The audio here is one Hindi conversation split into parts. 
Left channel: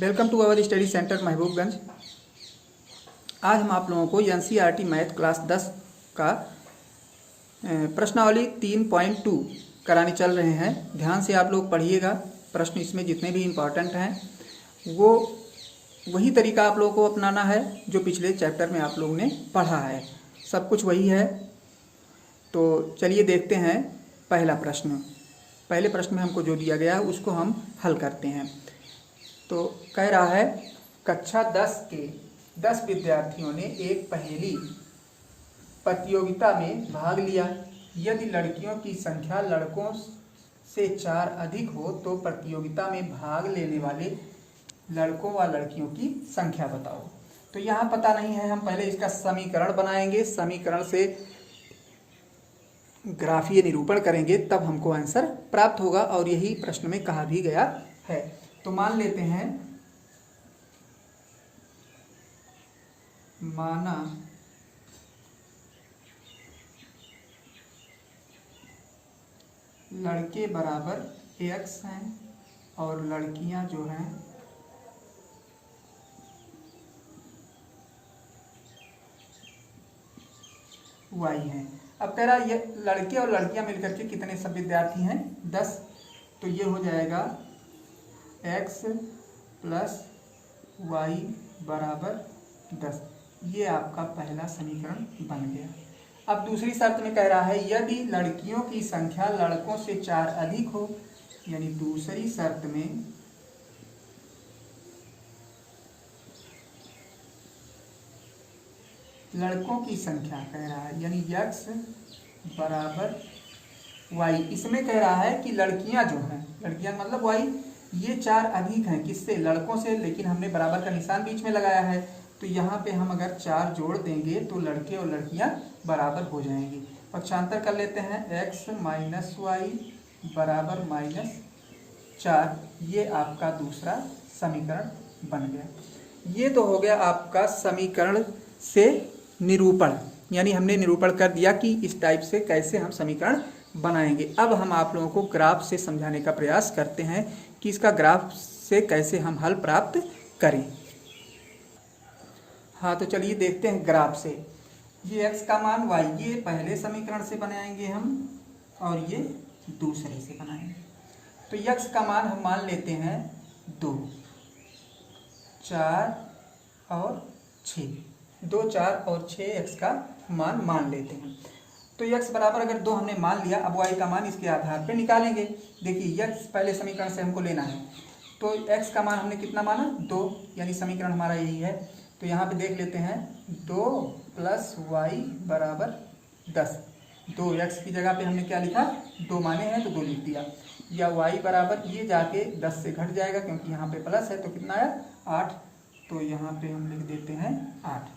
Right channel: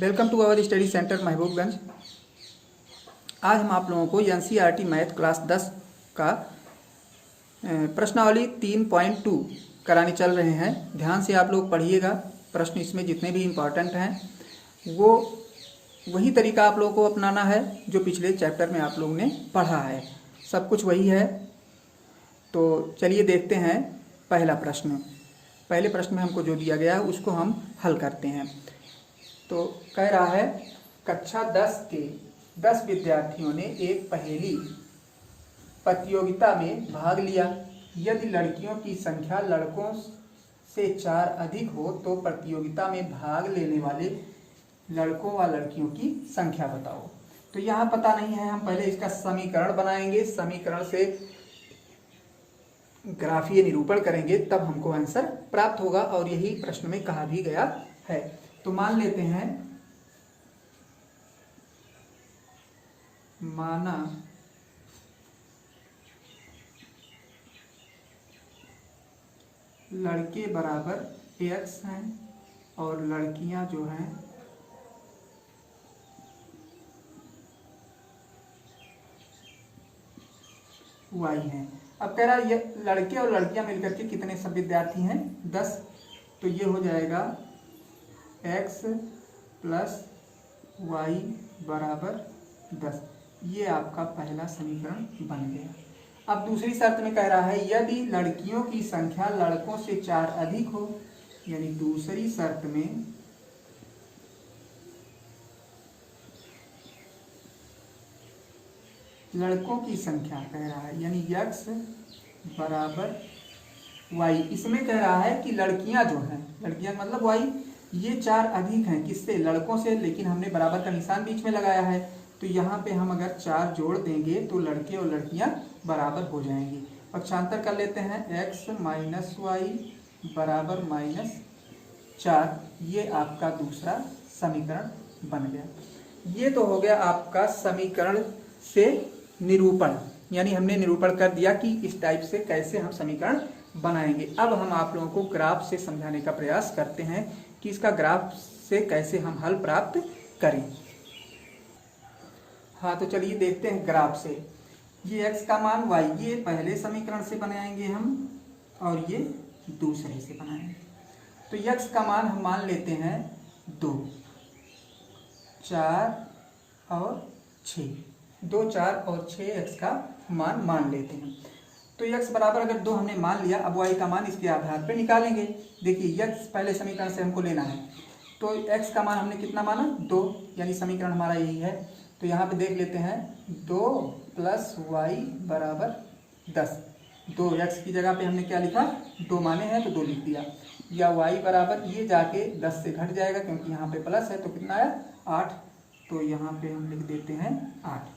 Welcome to our study centre Mahbubganj. आज हम आप लोगों को एनसीईआरटी मैथ क्लास 10 का प्रश्नावली 3.2 कराने चल रहे हैं। ध्यान से आप लोग पढ़िएगा। प्रश्न इसमें जितने भी इम्पॉर्टेंट हैं वो वही तरीका आप लोगों को अपनाना है जो पिछले चैप्टर में आप लोगों ने पढ़ा है। सब कुछ वही है। तो चलिए देखते हैं पहला प्रश्न। पहले प्रश्न में हमको जो दिया गया है उसको हम हल करते हैं। तो कह रहा है कक्षा 10 के 10 विद्यार्थियों ने एक पहेली प्रतियोगिता में भाग लिया। यदि लड़कियों की संख्या लड़कों से 4 अधिक हो तो प्रतियोगिता में भाग लेने वाले लड़कों व लड़कियों की संख्या बताओ। तो यहाँ पता नहीं है, हम पहले इसका समीकरण बनाएंगे। समीकरण से ग्राफीय निरूपण करेंगे तब हमको आंसर प्राप्त होगा और यही प्रश्न में कहा भी गया है। तो मान लेते हैं, माना लड़के बराबर x हैं और लड़कियां जो हैं y हैं। अब कह रहा है ये लड़के और लड़कियां मिलकर के कितने सब विद्यार्थी हैं? 10। तो ये हो जाएगा x प्लस y बराबर 10। ये आपका पहला समीकरण बन गया। अब दूसरी शर्त में कह रहा है यदि लड़कियों की संख्या लड़कों से 4 अधिक हो, यानी दूसरी शर्त में लड़कों की संख्या कह रहा है यानी x बराबर y। इसमें कह रहा है कि लड़कियां जो हैं, लड़कियां मतलब y, ये 4 अधिक हैं किससे? लड़कों से। लेकिन हमने बराबर का निशान बीच में लगाया है तो यहाँ पे हम अगर 4 जोड़ देंगे तो लड़के और लड़कियां बराबर हो जाएंगी। पक्षांतर कर लेते हैं, x माइनस वाई बराबर -4। ये आपका दूसरा समीकरण बन गया। ये तो हो गया आपका समीकरण से निरूपण, यानी हमने निरूपण कर दिया कि इस टाइप से कैसे हम समीकरण बनाएंगे। अब हम आप लोगों को ग्राफ से समझाने का प्रयास करते हैं कि इसका ग्राफ से कैसे हम हल प्राप्त करें। हाँ, तो चलिए देखते हैं ग्राफ से। ये x का मान y, ये पहले समीकरण से बनाएंगे हम और ये दूसरे से बनाएंगे। तो x का मान हम मान लेते हैं 2, 4 और 6। 2, 4 और 6 x का मान लेते हैं। तो x बराबर अगर 2 हमने मान लिया, अब y का मान इसके आधार पे निकालेंगे। देखिए x पहले समीकरण से हमको लेना है, तो x का मान हमने कितना माना? 2, यानी समीकरण हमारा यही है। तो यहाँ पे देख लेते हैं 2 प्लस y बराबर 10। 2x की जगह पे हमने क्या लिखा? 2 माने हैं तो 2 लिख दिया। या y बराबर, ये जाके 10 से घट जाएगा क्योंकि यहाँ पे प्लस है, तो कितना आया? 8। तो यहाँ पे हम लिख देते हैं 8।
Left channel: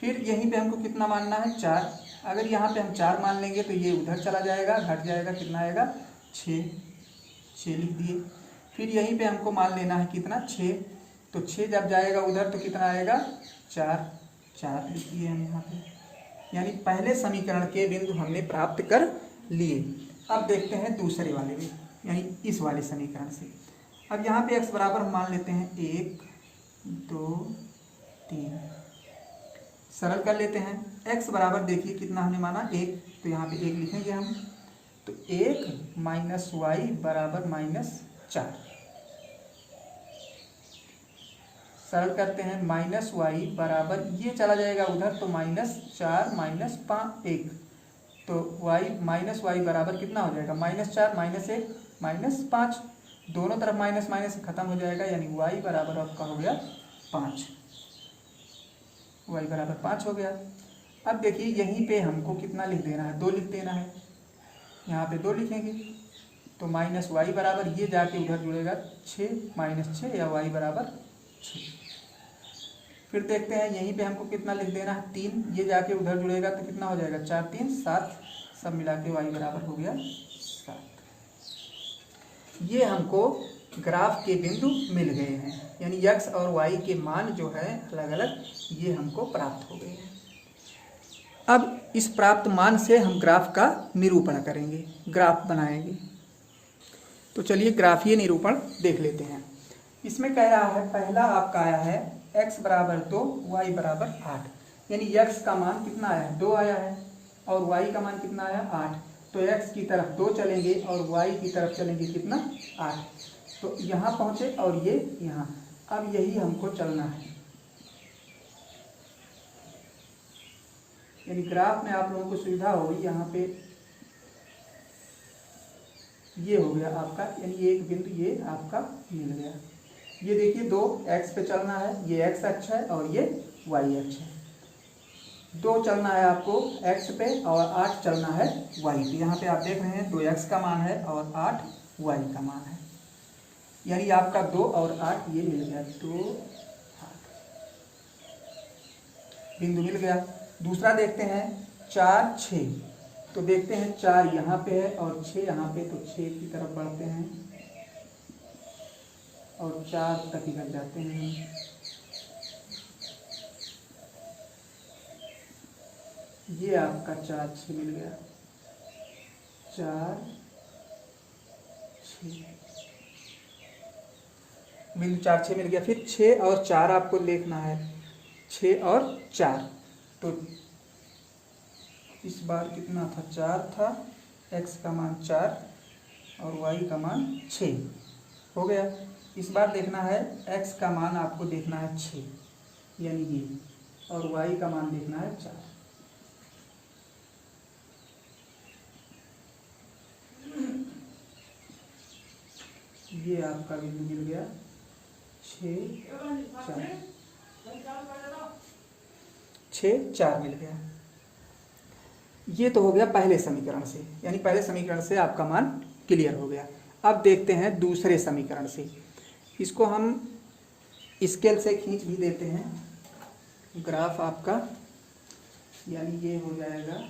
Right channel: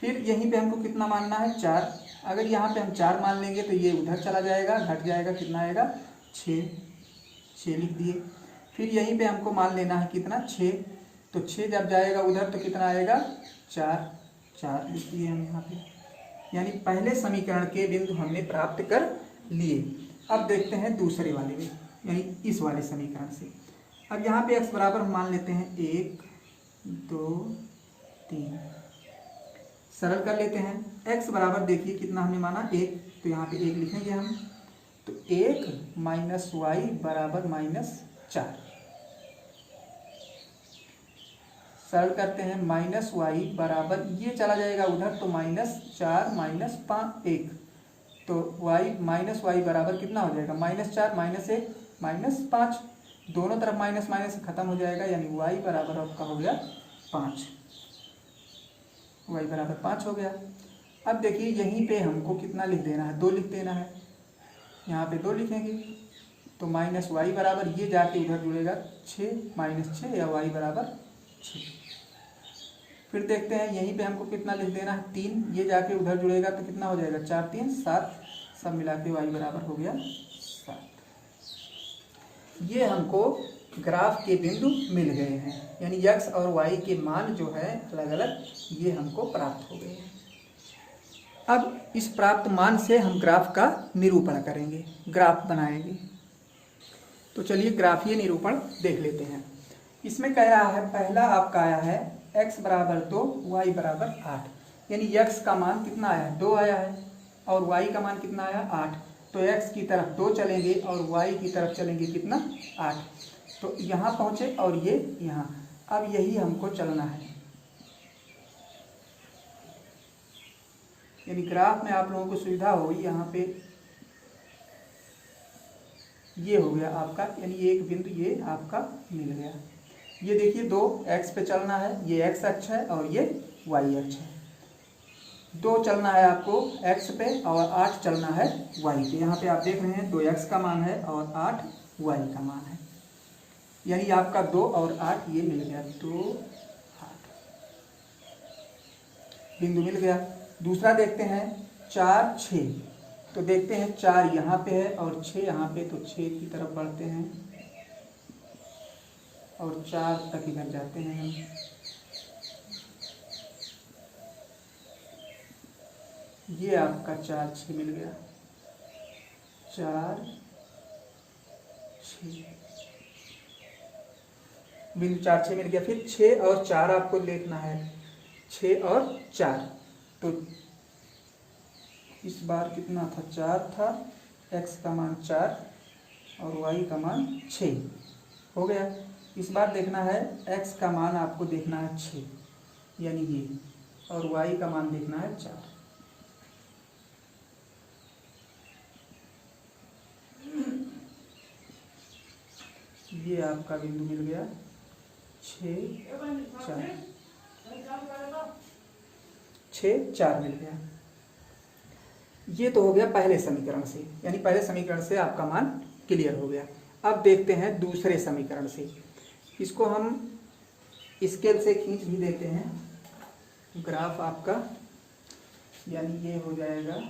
फिर यहीं पे हमको कितना मानना है? 4। अगर यहाँ पे हम 4 मान लेंगे तो ये उधर चला जाएगा, घट जाएगा, कितना आएगा? 6 लिख दिए। फिर यहीं पे हमको मान लेना है कितना? 6। तो 6 जब जाएगा उधर तो कितना आएगा? 4 लिख दिए हम यहाँ पे। यानी पहले समीकरण के बिंदु हमने प्राप्त कर लिए। अब देखते हैं दूसरे वाले में, यानी इस वाले समीकरण से। अब यहाँ पे x बराबर हम मान लेते हैं 1, 2, 3। सरल कर लेते हैं। x बराबर देखिए कितना हमने माना? 1। तो यहाँ पे 1 लिखेंगे हम। तो 1 माइनस वाई बराबर -4। सरल करते हैं, माइनस वाई बराबर, ये चला जाएगा उधर तो -4 -1। तो माइनस वाई बराबर कितना हो जाएगा? -4 -1 -5। दोनों तरफ माइनस माइनस खत्म हो जाएगा, यानी y बराबर आपका हो गया 5। y बराबर 5 हो गया। अब देखिए यहीं पे हमको कितना लिख देना है? 2 लिख देना है। यहाँ पे 2 लिखेंगे तो माइनस वाई बराबर, ये जाके उधर जुड़ेगा 6 -6 या y बराबर 6। फिर देखते हैं यहीं पे हमको कितना लिख देना है? 3। ये जाके उधर जुड़ेगा तो कितना हो जाएगा? 4 3 7। सब मिला के y बराबर हो गया 7। ये हमको ग्राफ के बिंदु मिल गए हैं, यानी x और y के मान जो है अलग अलग, ये हमको प्राप्त हो गए हैं। अब इस प्राप्त मान से हम ग्राफ का निरूपण करेंगे, ग्राफ बनाएंगे। तो चलिए ग्राफीय निरूपण देख लेते हैं। इसमें कह रहा है पहला आपका आया है x बराबर 2 y बराबर 8, यानी x का मान कितना आया है 2 आया है और y का मान कितना आया 8। तो x की तरफ 2 चलेंगे और y की तरफ चलेंगे कितना 8। तो यहाँ पहुँचे और ये यहाँ, अब यही हमको चलना है। यानी ग्राफ में आप लोगों को सुविधा होगी, यहाँ पे ये हो गया आपका, यानी एक बिंदु ये आपका मिल गया। ये देखिए 2 x पे चलना है, ये x अक्ष है और ये y अक्ष है। 2 चलना है आपको x पे और 8 चलना है y पे। यहाँ पे आप देख रहे हैं 2x का मान है और 8 y का मान है, यानी आपका 2 और 8 ये मिल गया, 2 8 बिंदु मिल गया। दूसरा देखते हैं 4 6, तो देखते हैं 4 यहाँ पे है और 6 यहाँ पे, तो 6 की तरफ बढ़ते हैं और 4 तक इधर जाते हैं हम। ये आपका 4 6 मिल गया, 4 6 बिंदु 4 6 मिल गया। फिर 6 और 4 आपको देखना है, 6 और 4, तो इस बार कितना था 4 था, x का मान 4 और y का मान 6 हो गया। इस बार देखना है x का मान आपको देखना है 6 यानी ये, और y का मान देखना है 4। ये आपका बिंदु मिल गया 6 4 मिल गया। ये तो हो गया पहले समीकरण से, यानी पहले समीकरण से आपका मान क्लियर हो गया। अब देखते हैं दूसरे समीकरण से। इसको हम स्केल से खींच भी देते हैं ग्राफ आपका, यानी ये हो जाएगा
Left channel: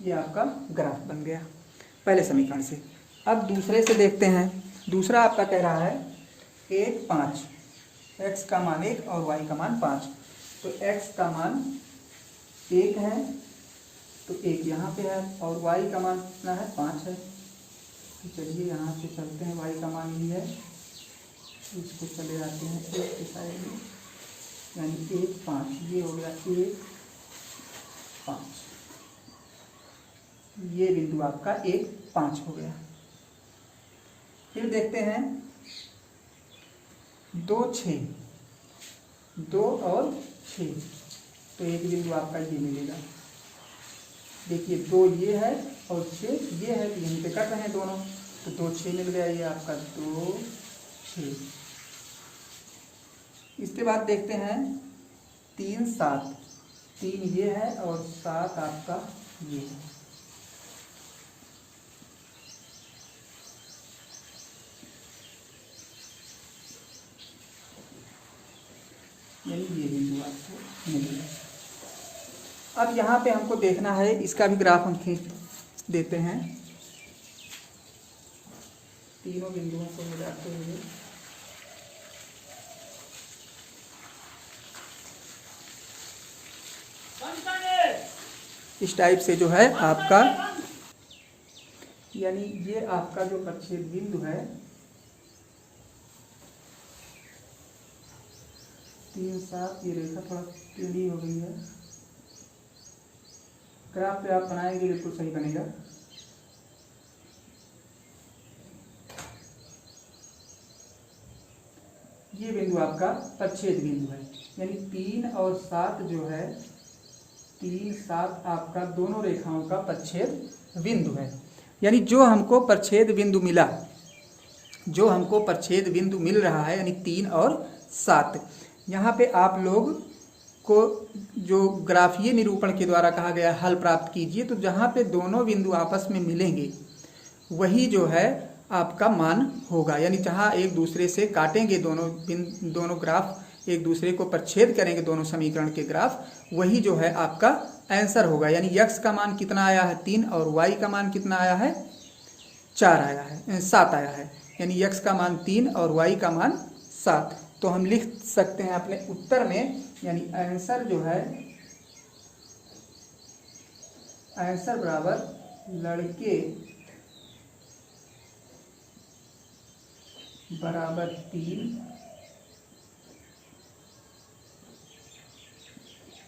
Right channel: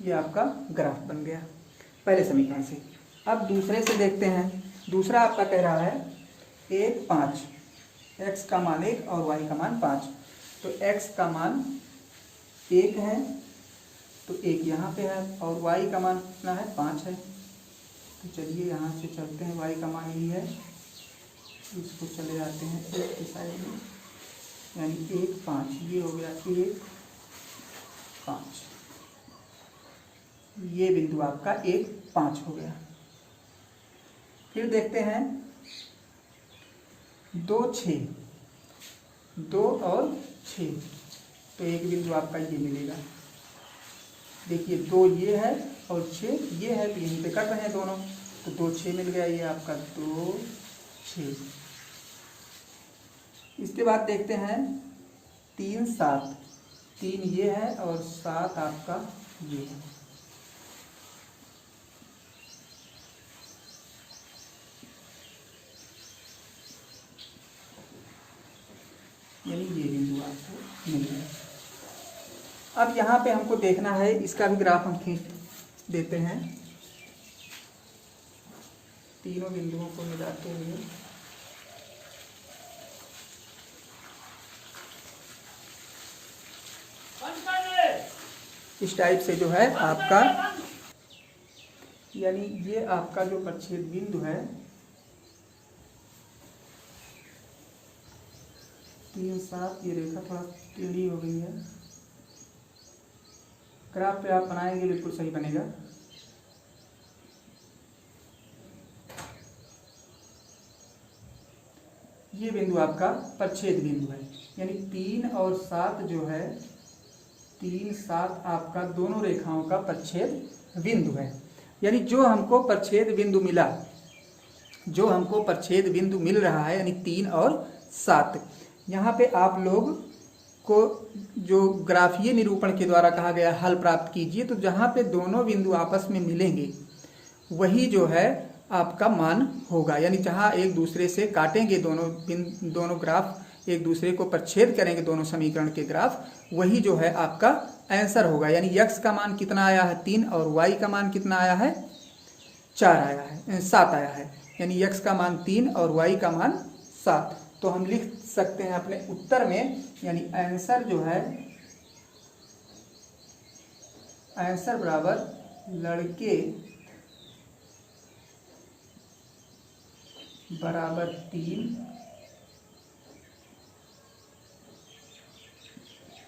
ये आपका ग्राफ बन गया पहले समीकरण से। अब दूसरे से देखते हैं। दूसरा आपका कह रहा है 1 5, x का मान 1 और y का मान 5। तो x का मान 1 है तो 1 यहाँ पे है और y का मान कितना है 5 है। तो चलिए यहाँ से चलते हैं, y का मान ही है, इसको चले जाते हैं 1 की साइड में, यानी 1 5, ये हो गया 1 5, ये बिंदु आपका 1 5 हो गया। फिर देखते हैं 2 6, 2 और 6, तो एक बिंदु आपका ये मिलेगा। देखिए 2 ये है और 6 ये है, तो यहीं पे कट रहे हैं दोनों, तो 2 6 मिल गया, ये आपका 2 6। इसके बाद देखते हैं 3 7, 3 ये है और 7 आपका ये है। यानी ये बिंदु आपको मिल गया। अब यहाँ पे हमको देखना है, इसका भी ग्राफ हम खींच देते हैं तीनों बिंदुओं को मिलाते हुए। इस टाइप से जो है आपका, यानी ये आपका जो प्रच्छेद बिंदु है 3 7, ये रेखा थोड़ा टेढ़ी हो गई है। ग्राफ पे आप बनाएंगे बिल्कुल सही बनेगा। ये बिंदु आपका प्रच्छेद बिंदु है, यानी 3 और 7 जो है, 3 7 आपका दोनों रेखाओं का प्रच्छेद बिंदु है। यानी जो हमको प्रच्छेद बिंदु मिला, जो हमको प्रच्छेद बिंदु मिल रहा है, यानी 3 और 7, यहाँ पे आप लोग को जो ग्राफीय निरूपण के द्वारा कहा गया हल प्राप्त कीजिए। तो जहाँ पे दोनों बिंदु आपस में मिलेंगे वही जो है आपका मान होगा, यानी जहाँ एक दूसरे से काटेंगे दोनों ग्राफ एक दूसरे को प्रच्छेद करेंगे दोनों समीकरण के ग्राफ, वही जो है आपका आंसर होगा। यानी x का मान कितना आया है 3 और y का मान कितना आया है 4 आया है 7 आया है। यानी x का मान 3 और y का मान 7। तो हम लिख सकते हैं अपने उत्तर में, यानी आंसर जो है आंसर बराबर लड़के बराबर 3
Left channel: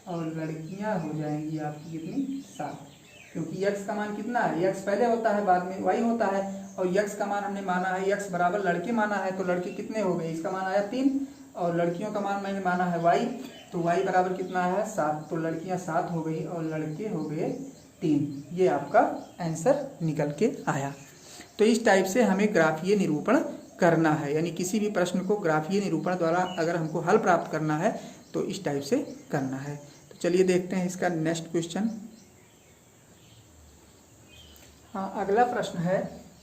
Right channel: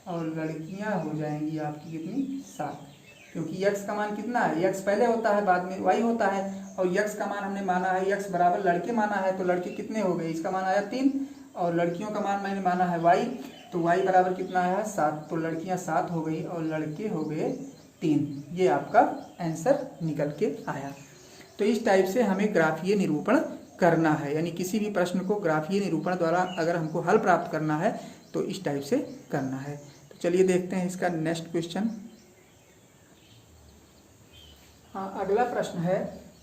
और लड़कियां हो जाएंगी आपकी कितनी 7, क्योंकि x का मान कितना है, x पहले होता है बाद में y होता है, और x का मान हमने माना है x बराबर लड़के माना है, तो लड़के कितने हो गए, इसका मान आया 3 और लड़कियों का मान मैंने माना है y, तो y बराबर कितना है 7, तो लड़कियां 7 हो गई और लड़के हो गए 3। ये आपका आंसर निकल के आया। तो इस टाइप से हमें ग्राफीय निरूपण करना है, यानी किसी भी प्रश्न को ग्राफीय निरूपण द्वारा अगर हमको हल प्राप्त करना है तो इस टाइप से करना है। तो चलिए देखते हैं इसका नेक्स्ट क्वेश्चन। हाँ, अगला प्रश्न है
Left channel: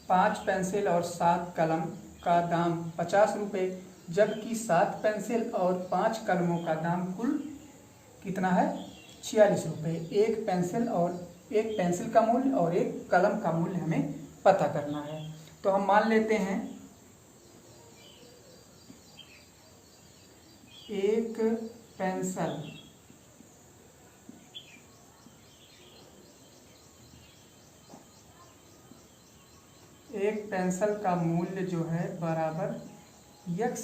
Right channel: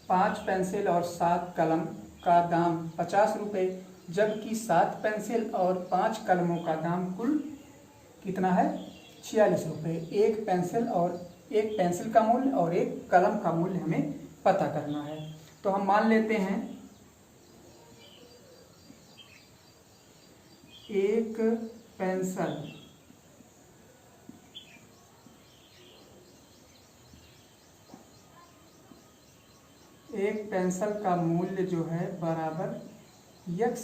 5 पेंसिल और 7 कलम का दाम 50 रुपये, जबकि 7 पेंसिल और 5 कलमों का दाम कुल कितना है 46 रुपये। एक पेंसिल का मूल्य और एक कलम का मूल्य हमें पता करना है। तो हम मान लेते हैं एक पेंसिल का मूल्य जो है बराबर x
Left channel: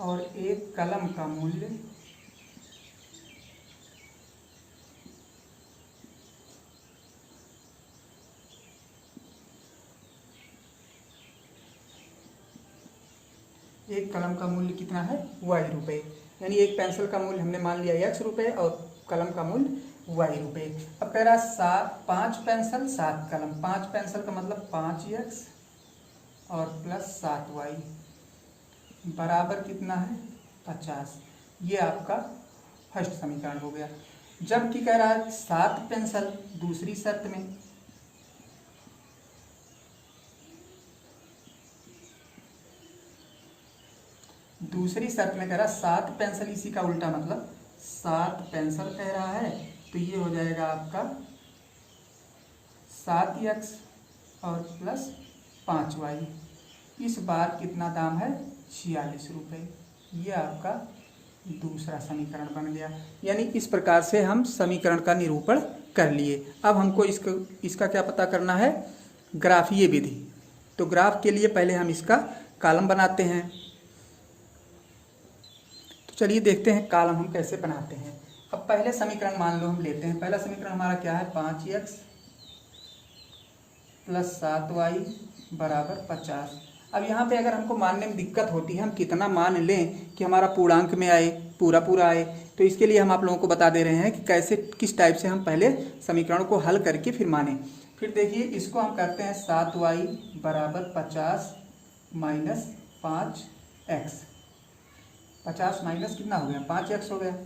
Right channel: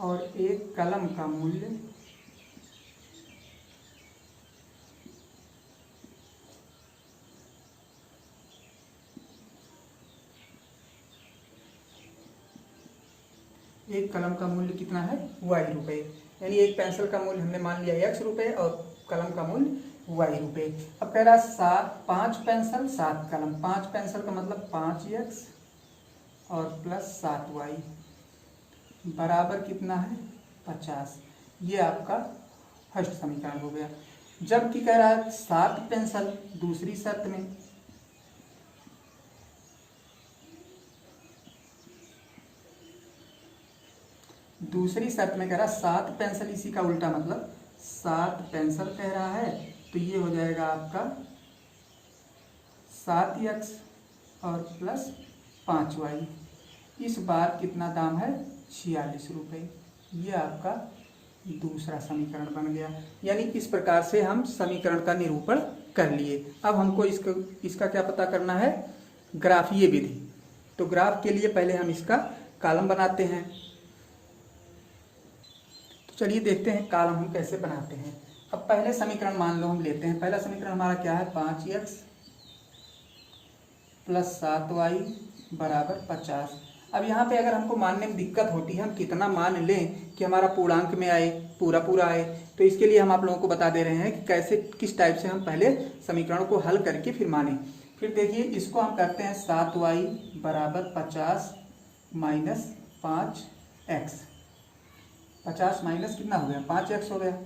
और एक कलम का मूल्य एक कलम का मूल्य कितना है y रुपये। यानी एक पेंसिल का मूल्य हमने मान लिया x रुपये और कलम का मूल्य y रुपये। अब कह रहा है 5 पेंसिल 7 कलम, 5 पेंसिल का मतलब 5x और प्लस 7y बराबर कितना है 50। ये आपका फर्स्ट समीकरण हो गया। जबकि कह रहा है 7 पेंसिल दूसरी शर्त में, दूसरी शर्त में कह रहा है 7 पेंसिल, इसी का उल्टा मतलब 7 पेंसिल कह रहा है, तो ये हो जाएगा आपका 7x और प्लस 5y। इस बार कितना दाम है 46 रुपये। ये आपका दूसरा समीकरण बन गया। यानी इस प्रकार से हम समीकरण का निरूपण कर लिए। अब हमको इसका क्या पता करना है, ग्राफीय विधि। तो ग्राफ के लिए पहले हम इसका कॉलम बनाते हैं। तो चलिए देखते हैं कॉलम हम कैसे बनाते हैं। अब पहले समीकरण मान लो हम लेते हैं। पहला समीकरण हमारा क्या है 5x प्लस 7y बराबर 50। अब यहाँ पे अगर हमको मानने में दिक्कत होती है, हम कितना मान लें कि हमारा पूर्णांक में आए, पूरा आए, तो इसके लिए हम आप लोगों को बता दे रहे हैं कि कैसे किस टाइप से हम पहले समीकरण को हल करके फिर माने। फिर देखिए इसको हम करते हैं 7y बराबर 50 माइनस 5x। 50 माइनस कितना हो गया 5x हो गया,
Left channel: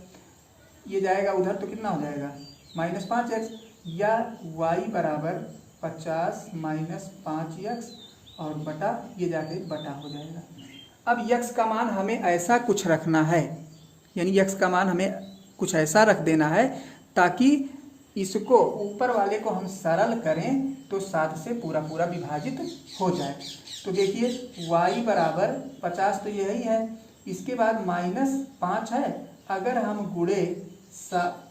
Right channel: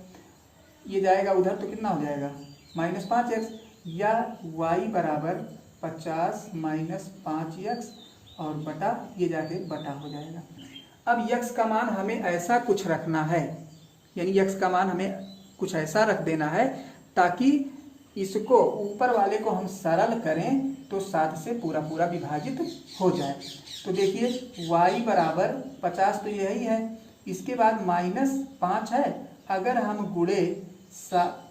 ये जाएगा उधर तो कितना हो जाएगा माइनस 5x, या y बराबर 50 माइनस 5x और बटा ये जाके बटा हो जाएगा। अब x का मान हमें ऐसा कुछ रखना है, यानी x का मान हमें कुछ ऐसा रख देना है ताकि इसको ऊपर वाले को हम सरल करें तो 7 से पूरा विभाजित हो जाए। तो देखिए y बराबर 50 तो यही है, इसके बाद माइनस 5 है, अगर हम गुणे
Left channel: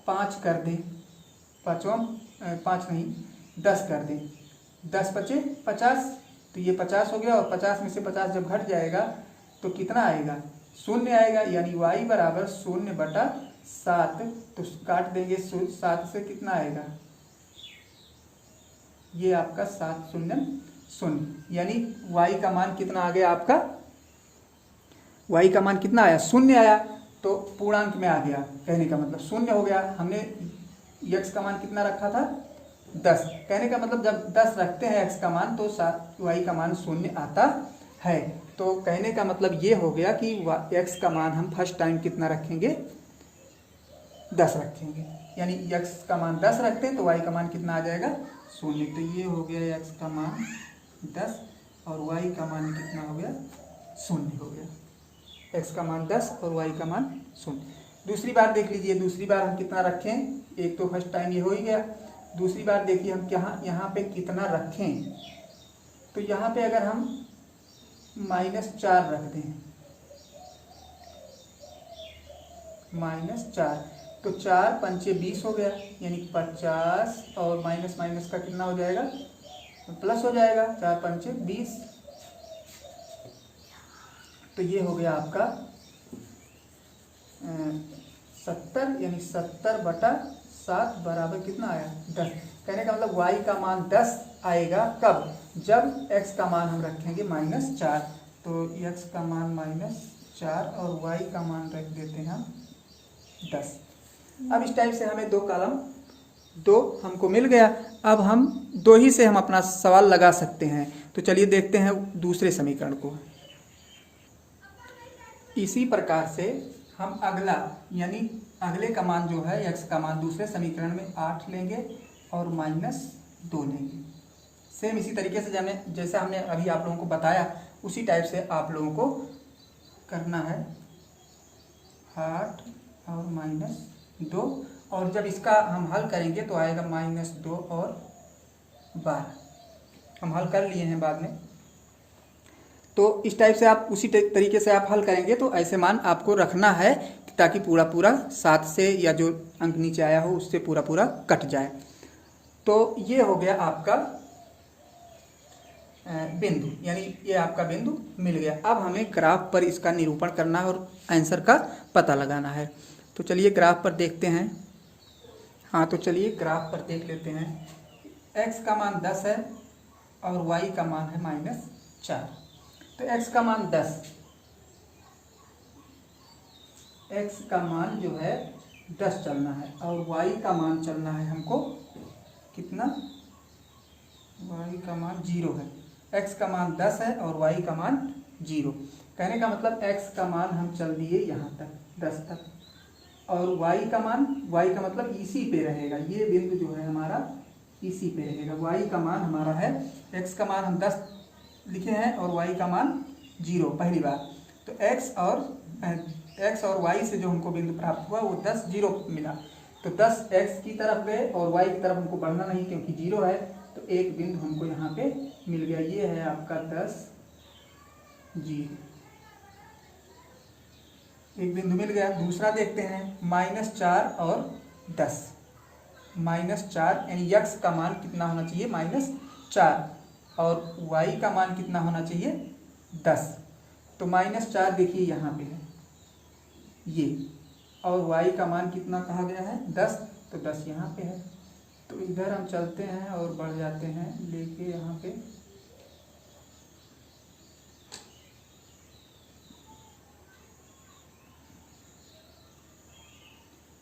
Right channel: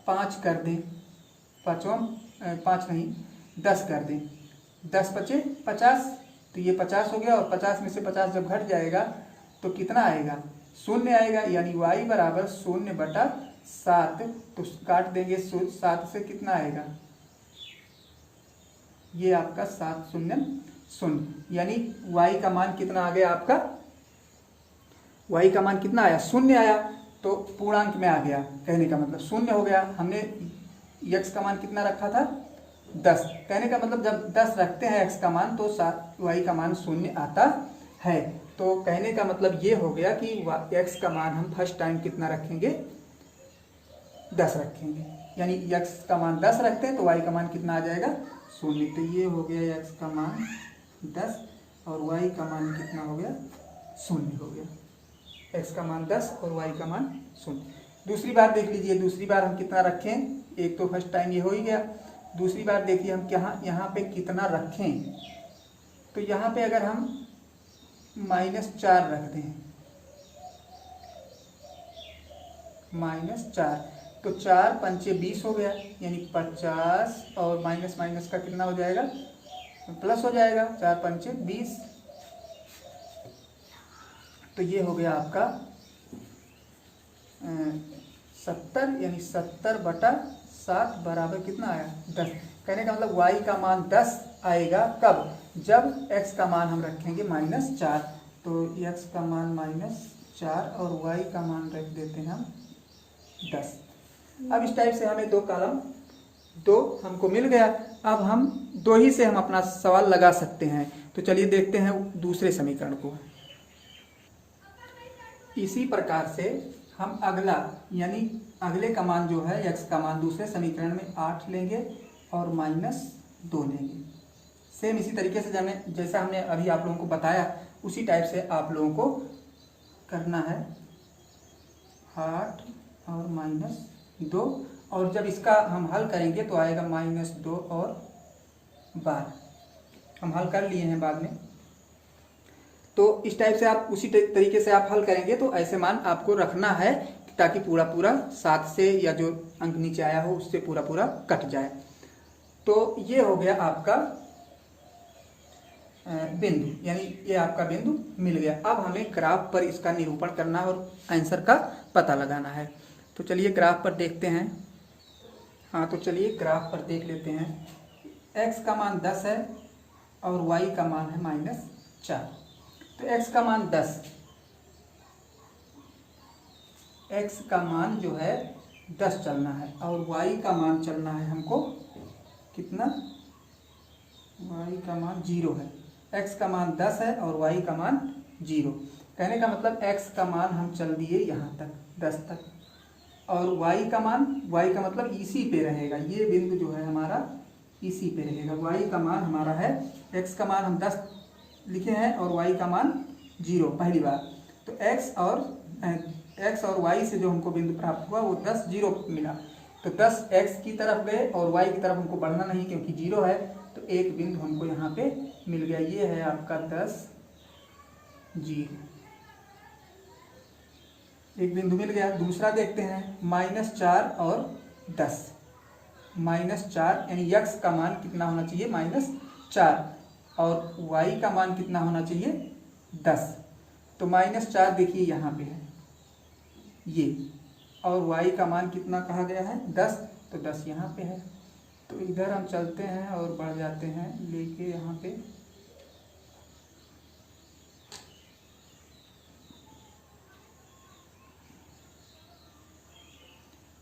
5 कर दें, 5 नहीं 10 कर दें, 10 बचे 50, तो ये 50 हो गया और 50 में से 50 जब घट जाएगा तो कितना आएगा 0 आएगा। यानी y बराबर 0 बटा 7, तो काट देंगे 7 से कितना आएगा, ये आपका 7 0 0, यानी y का मान कितना आ गया आपका, y का मान कितना आया 0 आया, तो पूर्णांक में आ गया, कहने का मतलब 0 हो गया। हमने x का मान कितना रखा था 10, कहने का मतलब जब 10 रखते हैं x का मान तो y का मान 0 आता है। तो कहने का मतलब ये हो गया कि x का मान हम फर्स्ट टाइम कितना रखेंगे 10 रखेंगे, यानी x का मान 10 रखते हैं तो y का मान कितना आ जाएगा 0। तो ये हो गया x का मान 10 और y का मान कितना हो गया 0 हो गया। x का मान 10 और y का मान 0। दूसरी बार देख लीजिए, दूसरी बार हम कितना रखें, एक तो फर्स्ट टाइम ये हो ही गया। दूसरी बार देखिए हम क्या यहाँ पे कितना रखें, तो यहाँ पे अगर हम -4 रख दें, -4, तो 4 पंचे 20 हो गया, यानी 50 और माइनस माइनस का कितना हो जाएगा, प्लस हो जाएगा, 4 पंचे 20। तो ये हो गया आपका 70, यानी 70/7 बराबर कितना आया, 10। कहने का मतलब y का मान 10 आएगा कब, जब x का मान हम रखेंगे -4। तो x का मान -4 और y का मान रख देते हैं हम 10। अब इस टाइप से हमें 2 कॉलम 2 हमको मिल गया। अब हम 2 ही से हम अपना सवाल लगा सकते हैं। तो चलिए देखते हैं दूसरे समीकरण को। इसी प्रकार से हम अगला, यानी अगले का मान जो है x का मान दूसरे समीकरण में 8 लेंगे और -2 लेंगे। सेम इसी तरीके से जैसा हमने अभी आप लोगों को बताया, उसी टाइप से आप लोगों को करना है, 8 और -2। और जब इसका हम हल करेंगे तो आएगा -2 और 12। हम हल कर लिए हैं बाद में। तो इस टाइप से आप उसी तरीके से आप हल करेंगे तो ऐसे मान आपको रखना है, ताकि पूरा पूरा 7 से या जो अंक नीचे आया हो उससे पूरा पूरा कट जाए। तो ये हो गया आपका बिंदु, यानी ये आपका बिंदु मिल गया। अब हमें ग्राफ पर इसका निरूपण करना है और आंसर का पता लगाना है। तो चलिए ग्राफ पर देखते हैं। हाँ, तो चलिए ग्राफ पर देख लेते हैं। x का मान 10 है और y का मान है -4। तो x का मान 10, x का मान जो है 10 चलना है और y का मान चलना है हमको कितना, y का मान 0 है। x का मान 10 है और y का मान 0। कहने का मतलब x का मान हम चल दिए यहाँ तक 10 तक, और y का मतलब इसी पे रहेगा। ये बिंदु जो है हमारा इसी पे रहेगा। y का मान हमारा है, x का मान हम 10 लिखे हैं और y का मान 0 पहली बार। तो x और y से जो हमको बिंदु प्राप्त हुआ वो 10, 0 मिला। तो 10 x की तरफ गए और y की तरफ हमको बढ़ना नहीं क्योंकि 0 है। तो एक बिंदु हमको यहाँ पे मिल गया, ये है आपका 10, 0। एक बिंदु मिल गया। दूसरा देखते हैं, -4 और 10। -4 यानी x का मान कितना होना चाहिए, -4, और y का मान कितना होना चाहिए, 10। तो -4 देखिए यहाँ पे है ये, और y का मान कितना कहा गया है, 10। तो 10 यहाँ पे है। तो इधर हम चलते हैं और बढ़ जाते हैं लेके यहाँ पे।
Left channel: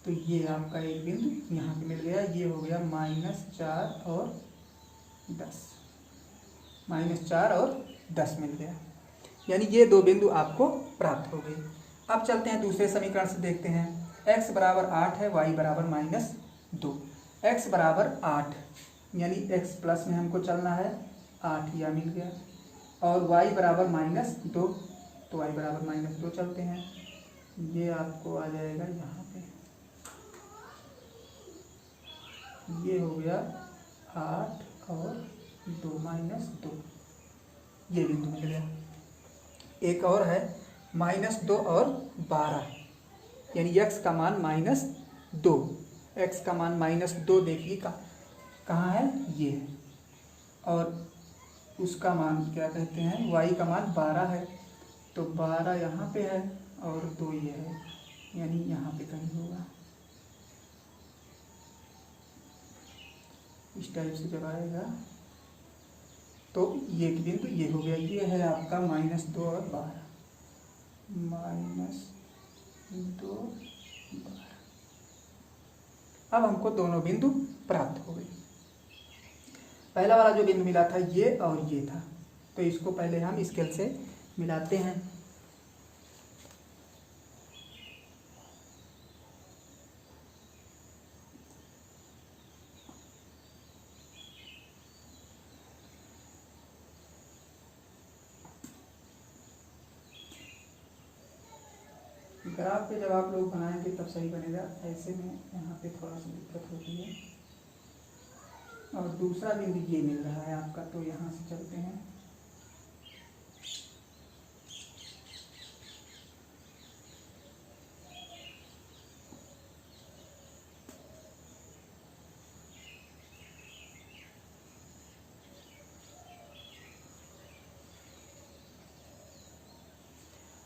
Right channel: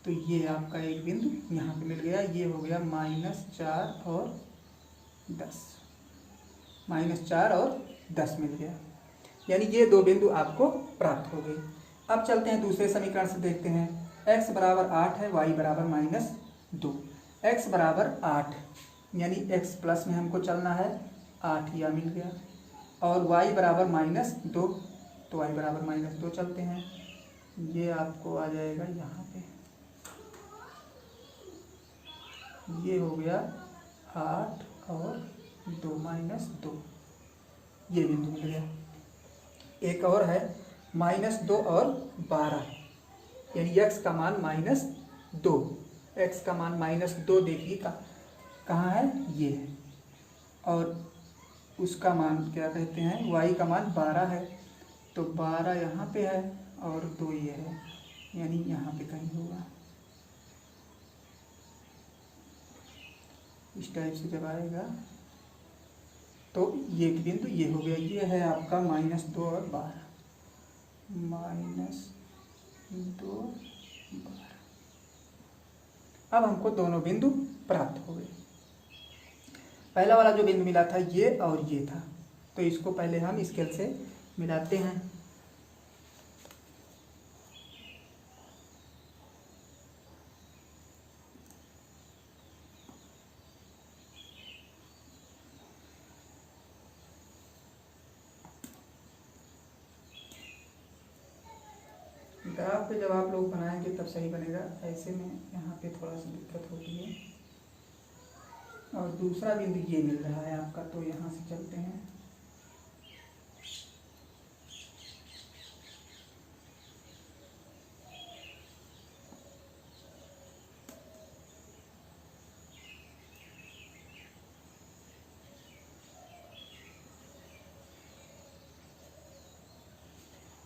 तो ये आपका एक बिंदु यहाँ पे मिल गया। ये हो गया -4 और 10, -4 और 10 मिल गया, यानी ये 2 बिंदु आपको प्राप्त हो गए। अब चलते हैं दूसरे समीकरण से देखते हैं। x बराबर 8 है, y बराबर -2। x बराबर 8 यानी x प्लस में हमको चलना है, 8 यह मिल गया। और y बराबर -2, तो y बराबर -2 चलते हैं। ये आपको आ जाएगा यहाँ पे, ये हो गया 8 और 2 -2, ये बिंदु मिल गया। एक और है -2 और 12, यानी x का मान -2। x का मान -2 देखिए कहाँ है, ये है। और उसका मान क्या कहते हैं, y का मान 12 है। तो 12 यहाँ पे है और 2 ये है, यानी यहाँ पे कहीं होगा। इस टाइप से जब आएगा तो ये बिंदु ये हो गया। ये है आपका -2 और 12, -2 12। अब हमको दोनों बिंदु प्राप्त हो गए। पहला वाला जो बिंदु मिला था ये और ये था, तो इसको पहले हम स्केल से मिलाते हैं। ग्राफ पे जब आप लोग बनाएंगे तब सही बनेगा, ऐसे में यहाँ पे थोड़ा सा दिक्कत होती है। और दूसरा बिंदु ये मिल रहा है आपका, तो यहाँ से चलते हैं।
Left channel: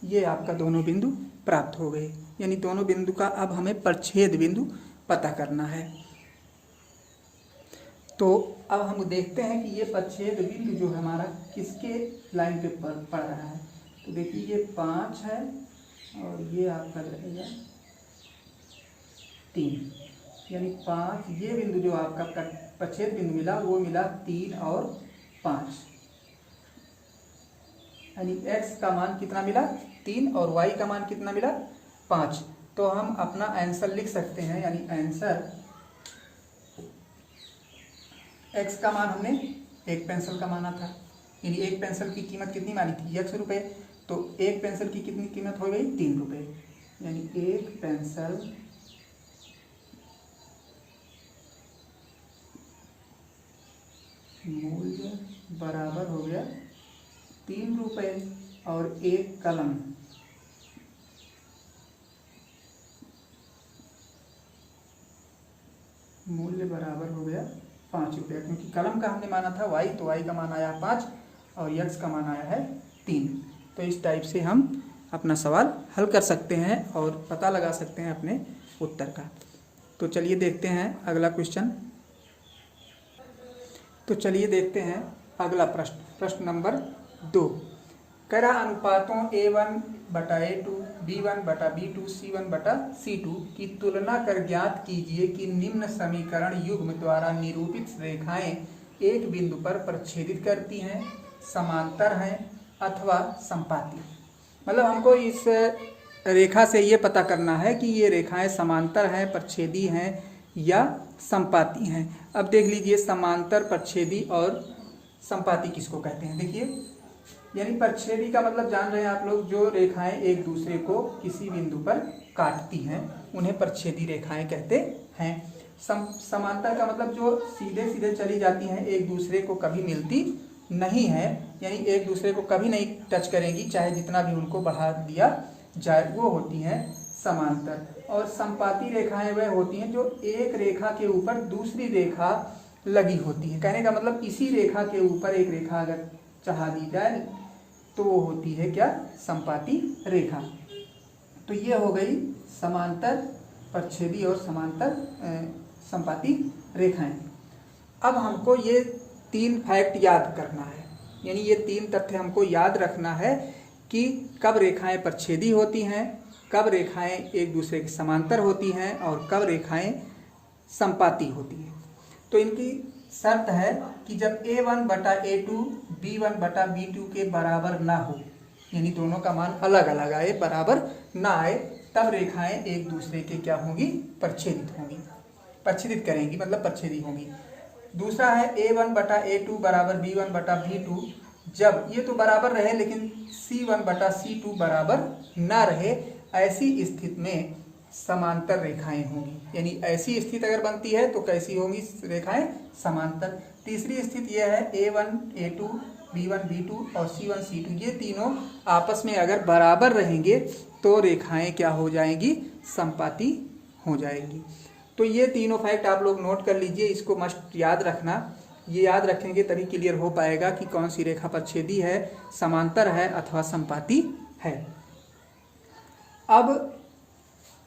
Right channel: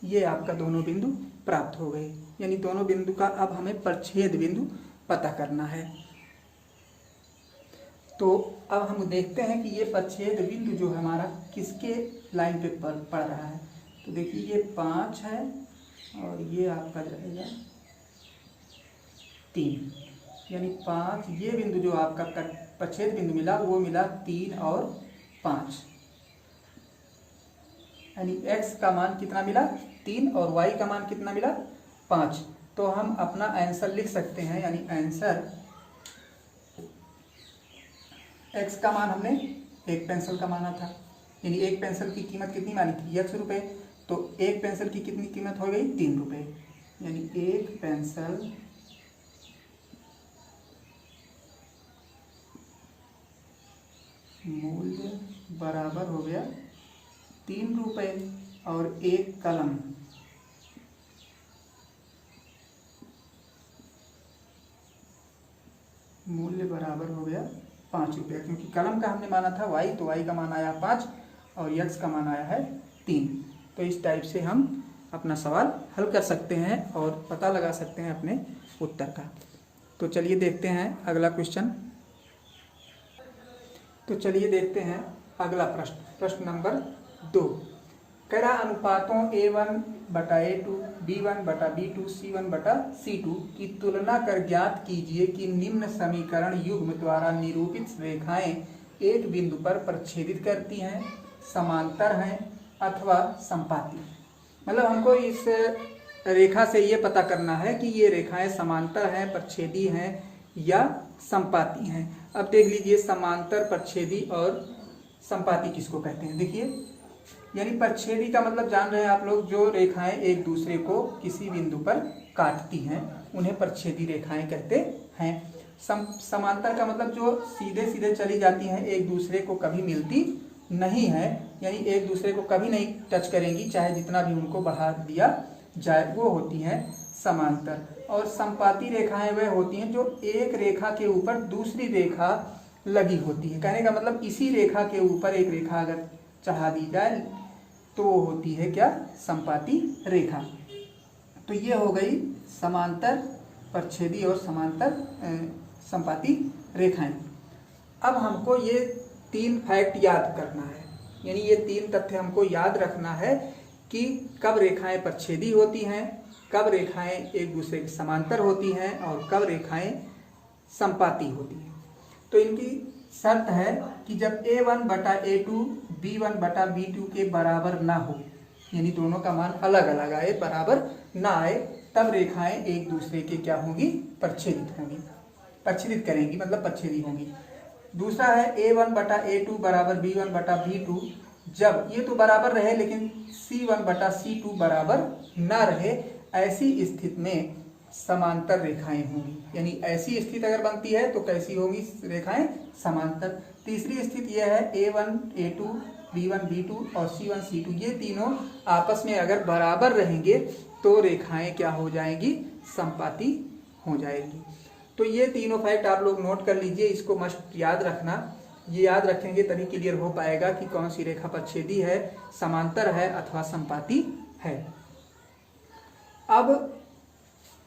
ये आपका दोनों बिंदु प्राप्त हो गए, यानी दोनों बिंदु का अब हमें प्रच्छेद बिंदु पता करना है। तो अब हम देखते हैं कि ये प्रच्छेद बिंदु जो है हमारा किसके लाइन पे पड़ रहा है। तो देखिए ये 5 है और ये आपका रहेगा 3, यानी 5। ये बिंदु जो आपका प्रच्छेद बिंदु मिला वो मिला 3 और 5, यानी x का मान कितना मिला 3 और y का मान कितना मिला 5। तो हम अपना आंसर लिख सकते हैं, यानी आंसर x का मान हमने एक पेंसिल का माना था, यानी एक पेंसिल की कीमत कितनी मानी थी x रुपये, तो एक पेंसिल की कितनी कीमत हो गई 3 रुपये, यानी एक पेंसिल मूल्य बराबर हो गया 3 रुपये और एक कलम मूल्य बराबर हो गया 5 रुपये, क्योंकि कलम का हमने माना था y, तो y का मान आया 5 और x का मान आया है 3। तो इस टाइप से हम अपना सवाल हल कर सकते हैं और पता लगा सकते हैं अपने उत्तर का। तो चलिए देखते हैं अगला क्वेश्चन। तो चलिए देखते हैं अगला प्रश्न, प्रश्न नंबर 2। करा अनुपातों A1/A2, B1/B2, C1/C2 की तुलना कर ज्ञात कीजिए कि निम्न समीकरण युग्म द्वारा निरूपित रेखाएं एक बिंदु पर प्रच्छेदित करती हैं, समांतर हैं अथवा संपाती। मतलब हमको इस रेखा से ये पता करना है कि ये रेखाएं समांतर हैं, प्रच्छेदी हैं या संपाती हैं। अब देख लीजिए समांतर, प्रच्छेदी और संपाती किसको कहते हैं। देखिए, यानी प्रच्छेदी का मतलब जान रहे हैं आप लोग, जो रेखाएं एक दूसरे को किसी बिंदु पर काटती हैं उन्हें प्रच्छेदी रेखाएं कहते हैं। समांतर का मतलब जो सीधे सीधे चली जाती हैं, एक दूसरे को कभी मिलती नहीं है, यानी एक दूसरे को कभी नहीं टच करेंगी, चाहे जितना भी उनको बढ़ा दिया जाए, वो होती हैं समांतर। और संपाती रेखाएं वह होती हैं जो एक रेखा के ऊपर दूसरी रेखा लगी होती है। कहने का मतलब इसी रेखा के ऊपर एक रेखा अगर चढ़ा दी जाए तो वो होती है क्या, संपाती रेखा। तो ये हो गई समांतर, प्रच्छेदी और समांतर संपाती रेखाएं। अब हमको ये 3 फैक्ट याद करना है, यानी ये 3 तथ्य हमको याद रखना है कि कब रेखाएं प्रच्छेदी होती हैं, कब रेखाएं एक दूसरे के समांतर होती हैं और कब रेखाएं संपाती होती हैं। तो इनकी शर्त है कि जब A1/A2 B1/B2 के बराबर ना हो, यानी दोनों का मान अलग अलग आए, बराबर ना आए, तब रेखाएं एक दूसरे के क्या होंगी, प्रच्छेदित होंगी, प्रच्छेदित करेंगी, मतलब प्रच्छेदी होंगी। दूसरा है A1/A2 बराबर B1/B2, जब ये तो बराबर रहे लेकिन C1/C2 बराबर ना रहे, ऐसी स्थिति में समांतर रेखाएं होंगी। यानी ऐसी स्थिति अगर बनती है तो कैसी होंगी रेखाएं, समांतर। तीसरी स्थिति यह है A1A2 B1B2 और C1C2, ये तीनों आपस में अगर बराबर रहेंगे तो रेखाएं क्या हो जाएंगी, संपाती हो जाएंगी। तो ये तीनों फैक्ट आप लोग नोट कर लीजिए, इसको मस्ट याद रखना। ये याद रखेंगे तभी क्लियर हो पाएगा कि कौन सी रेखा प्रच्छेदी है, समांतर है अथवा संपाती है। अब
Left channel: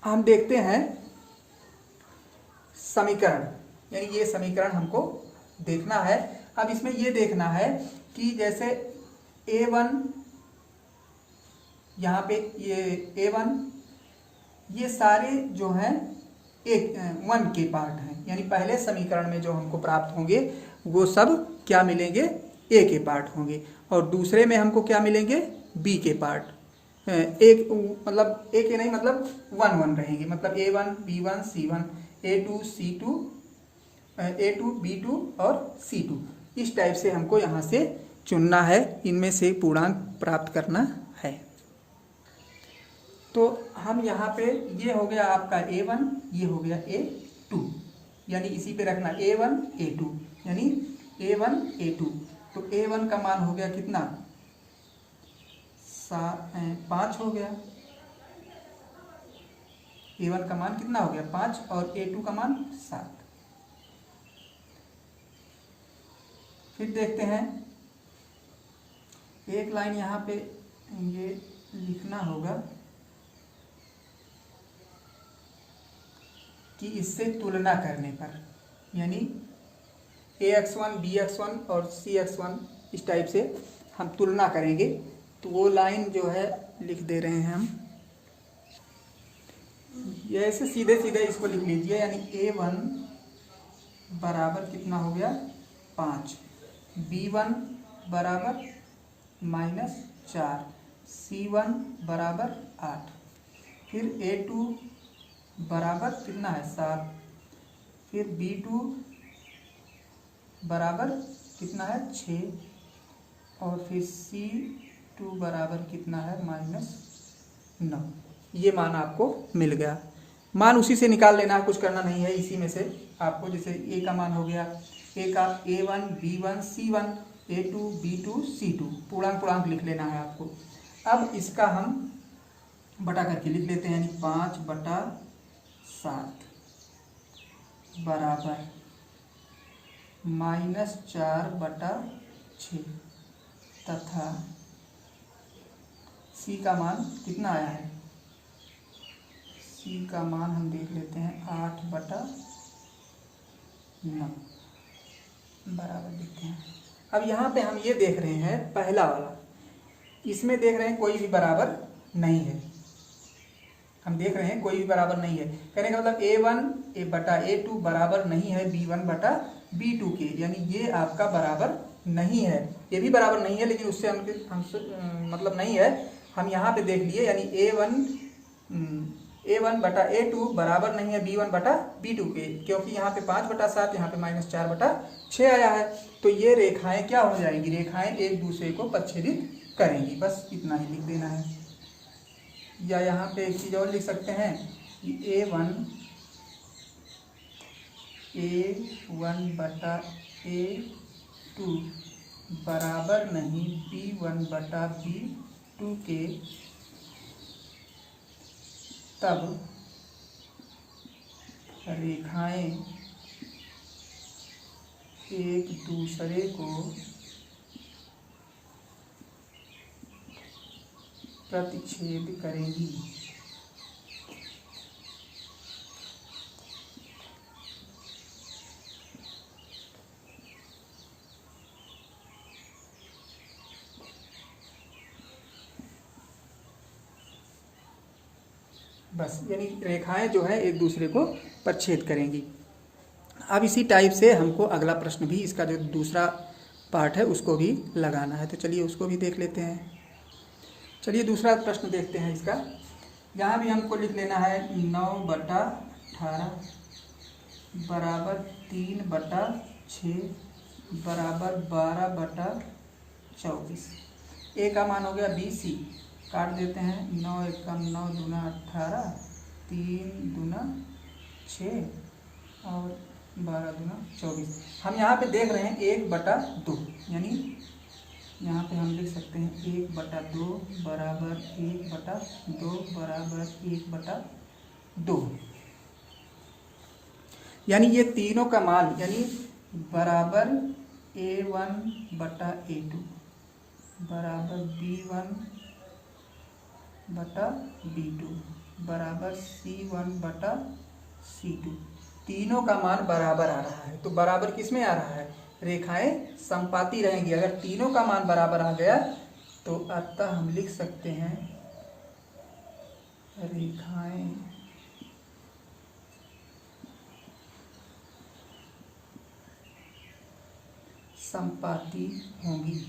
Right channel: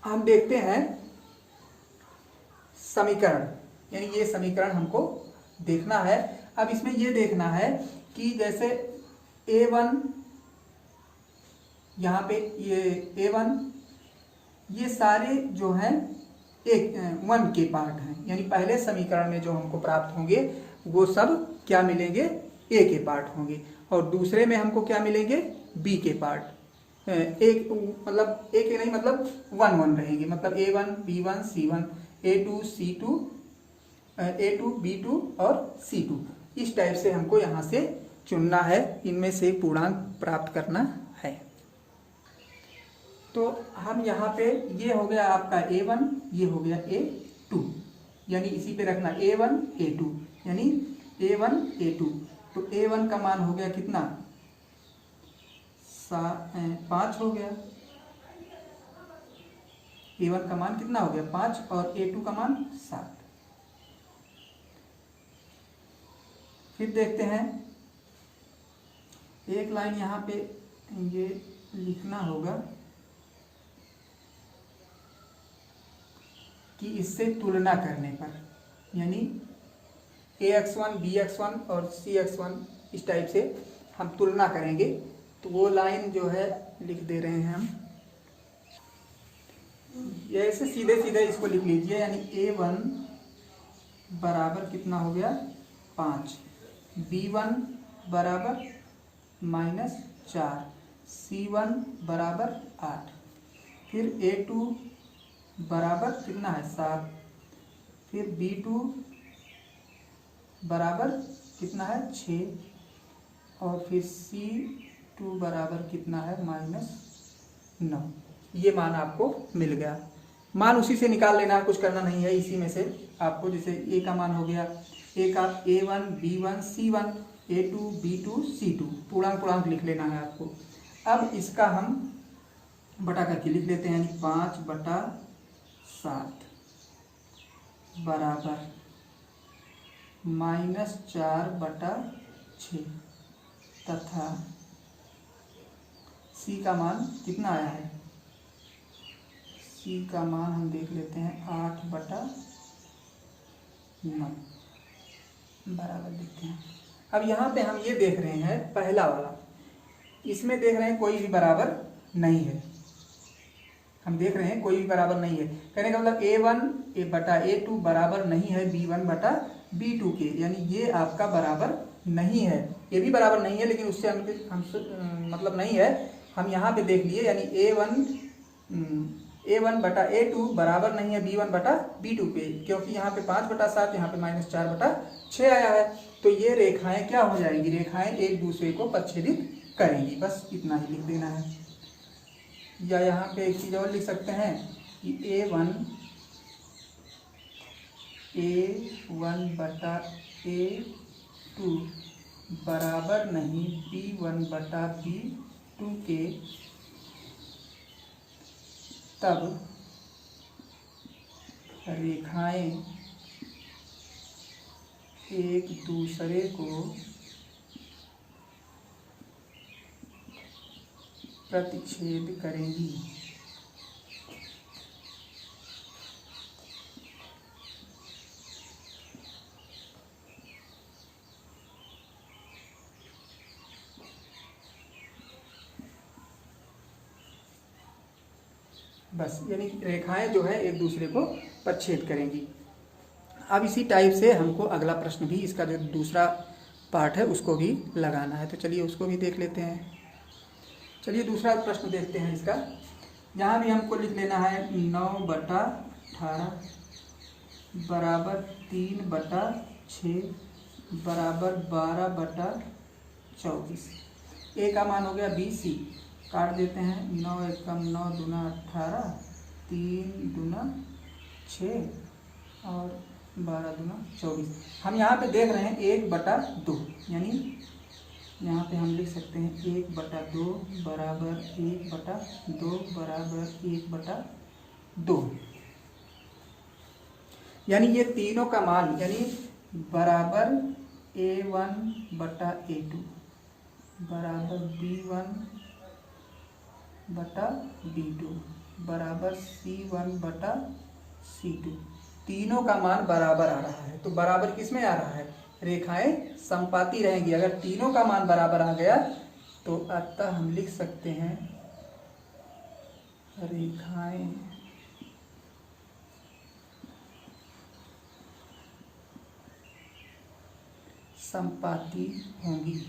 हम देखते हैं समीकरण, यानी ये समीकरण हमको देखना है। अब इसमें ये देखना है कि जैसे A1, यहाँ पे ये A1, ये सारे जो हैं 1 के पार्ट हैं, यानी पहले समीकरण में जो हमको प्राप्त होंगे वो सब क्या मिलेंगे, A के पार्ट होंगे, और दूसरे में हमको क्या मिलेंगे, B के पार्ट। एक मतलब एक नहीं, मतलब 1 रहेंगे, मतलब A1 B1 C1 A2 C2 A2 B2 और C2। इस टाइप से हमको यहाँ से चुनना है, इनमें से पूर्णांक प्राप्त करना है। तो हम यहाँ पे ये हो गया आपका A1, ये हो गया A2, यानी इसी पे रखना A1 A2, यानी A1 A2। तो A1 का मान हो गया कितना, 5 हो गया। A1 का मान कितना हो गया 5 और A2 का मान 7। फिर देखते हैं, एक लाइन यहाँ पे ये लिखना होगा कि इससे तुलना करने पर, यानी AX1 BX1 और CX1 इस टाइप से हम तुलना करेंगे। तो वो लाइन जो है लिख दे रहे हैं हम, ये ऐसे सीधे सीधे इसको लिख लीजिए, यानी A1 बराबर कितना हो गया 5, B1 बराबर -4, C1 बराबर 8, फिर A2 बराबर कितना है 7, फिर B2 बराबर कितना है 6, और फिर C2 बराबर कितना है -9। ये मान आपको मिल गया। मान उसी से निकाल लेना, कुछ करना नहीं है, इसी में से आपको, जैसे A का मान हो गया, A का A1 B1 C1, A2 B2 C2, पूर्णांक लिख लेना है आपको। अब इसका हम बटा करके लिख लेते हैं, यानी 5/7 बराबर -4/6 तथा C का मान कितना आया है, C का मान हम देख लेते हैं 8/9 बराबर देखते हैं। अब यहाँ पे हम ये देख रहे हैं पहला वाला, इसमें देख रहे हैं कोई भी बराबर नहीं है, हम देख रहे हैं कोई भी बराबर नहीं है। कहने का मतलब A1/A2 बराबर नहीं है B1/B2 के, यानी ये आपका बराबर नहीं है, ये भी बराबर नहीं है, लेकिन उससे हमसे मतलब नहीं है। हम यहाँ पे देख लिए, यानी A1/A2 बराबर नहीं है B1/B2 के, क्योंकि यहाँ पे 5/7, यहाँ पे -4/6 आया है। तो ये रेखाएं क्या हो जाएंगी, रेखाएं एक दूसरे को प्रच्छेदित करेंगी, बस इतना ही लिख देना है। या यहाँ पे एक चीज और लिख सकते हैं कि A1/A2 बराबर नहीं B1/B2 के, तब रेखाएं एक दूसरे को प्रतिच्छेद करेंगी। बस, यानी रेखाएं जो है एक दूसरे को प्रतिच्छेद करेंगी। अब इसी टाइप से हमको अगला प्रश्न भी, इसका जो दूसरा पार्ट है उसको भी लगाना है, तो चलिए उसको भी देख लेते हैं। चलिए दूसरा प्रश्न देखते हैं इसका। यहाँ भी हमको लिख लेना है 9/18 बराबर 3/6 बराबर 12/24। A का मान हो गया BC, काट देते हैं, 9 एकम 9 दूना 18, 3 दूना 6 और 12 दूना 24। हम यहाँ पे देख रहे हैं 1/2, यानी यहाँ पे हम लिख सकते हैं 1/2 बराबर 1/2 बराबर 1/2, यानी ये तीनों का मान, यानी बराबर A1/A2 बराबर B1/B2 बराबर C1/C2, तीनों का मान बराबर आ रहा है। तो बराबर किस में आ रहा है, रेखाएं समपाती रहेंगी। अगर तीनों का मान बराबर आ गया तो अतः हम लिख सकते हैं रेखाएं समपाती होंगी।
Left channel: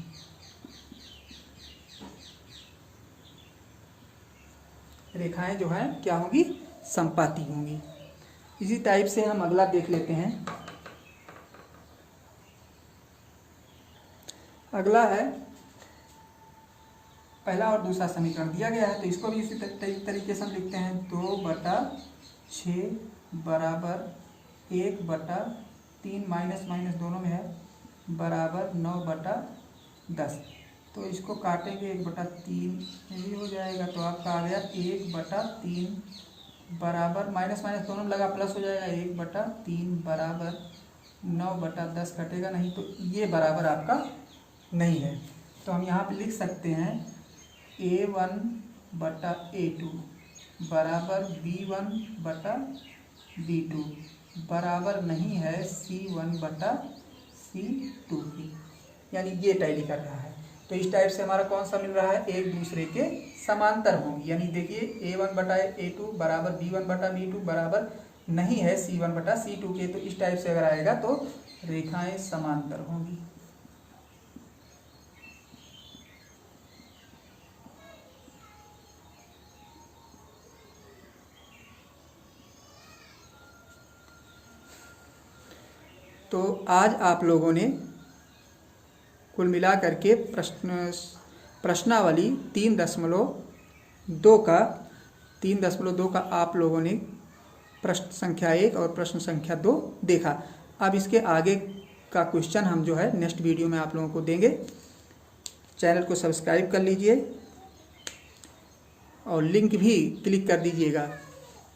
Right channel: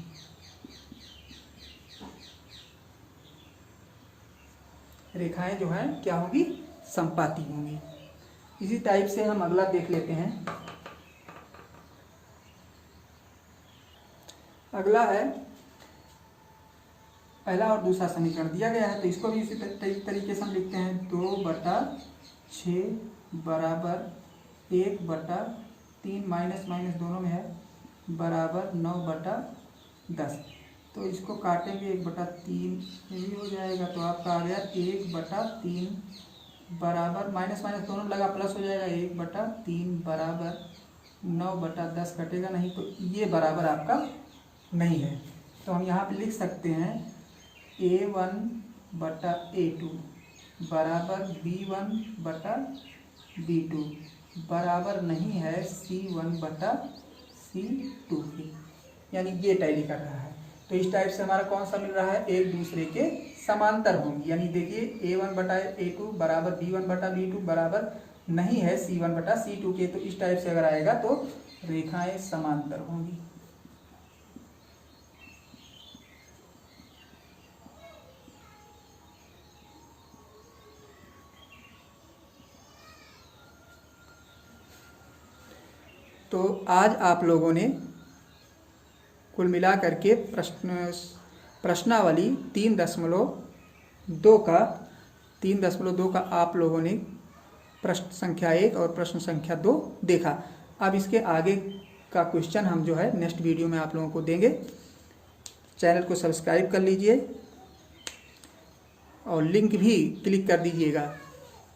रेखाएं जो हैं क्या होंगी, समपाती होंगी। इसी टाइप से हम अगला देख लेते हैं। अगला है पहला और दूसरा समीकरण दिया गया है, तो इसको भी इसी तरीके से हम लिखते हैं 2/6 बराबर 1/3 माइनस माइनस दोनों में है बराबर 9/10। तो इसको काटेंगे 1/3 यही हो जाएगा, तो आपका आ गया 1/3 बराबर माइनस माइनस दोनों लगा प्लस हो जाएगा 1/3 बराबर 9/10 कटेगा नहीं, तो ये बराबर आपका नहीं है। तो हम यहाँ पे लिख सकते हैं A1/A2 बराबर B1/B2 बराबर नहीं है C1/C2 की, यानी ये टैली कर रहा है। तो इस टाइप से हमारा कौन सा मिल रहा है, एक दूसरे के समांतर होंगी, यानी देखिए A1/A2 बराबर B1/B2 बराबर नहीं है C1/C2 के। तो इस टाइप से अगर आएगा तो रेखाएं समांतर होंगी। तो आज आप लोगों ने कुल मिला करके प्रश्नावली 3.2 का आप लोगों ने प्रश्न संख्या 1 और प्रश्न संख्या 2 देखा। अब इसके आगे का क्वेश्चन हम जो है नेक्स्ट वीडियो में आप लोगों को देंगे। चैनल को सब्सक्राइब कर लीजिए और लिंक भी क्लिक कर दीजिएगा,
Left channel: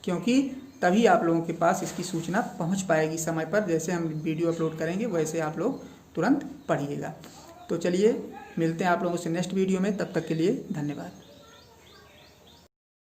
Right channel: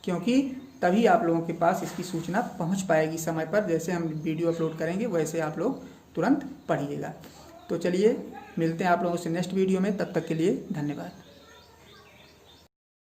क्योंकि तभी आप लोगों के पास इसकी सूचना पहुंच पाएगी समय पर। जैसे हम वीडियो अपलोड करेंगे वैसे आप लोग तुरंत पढ़िएगा। तो चलिए मिलते हैं आप लोगों से नेक्स्ट वीडियो में, तब तक के लिए धन्यवाद।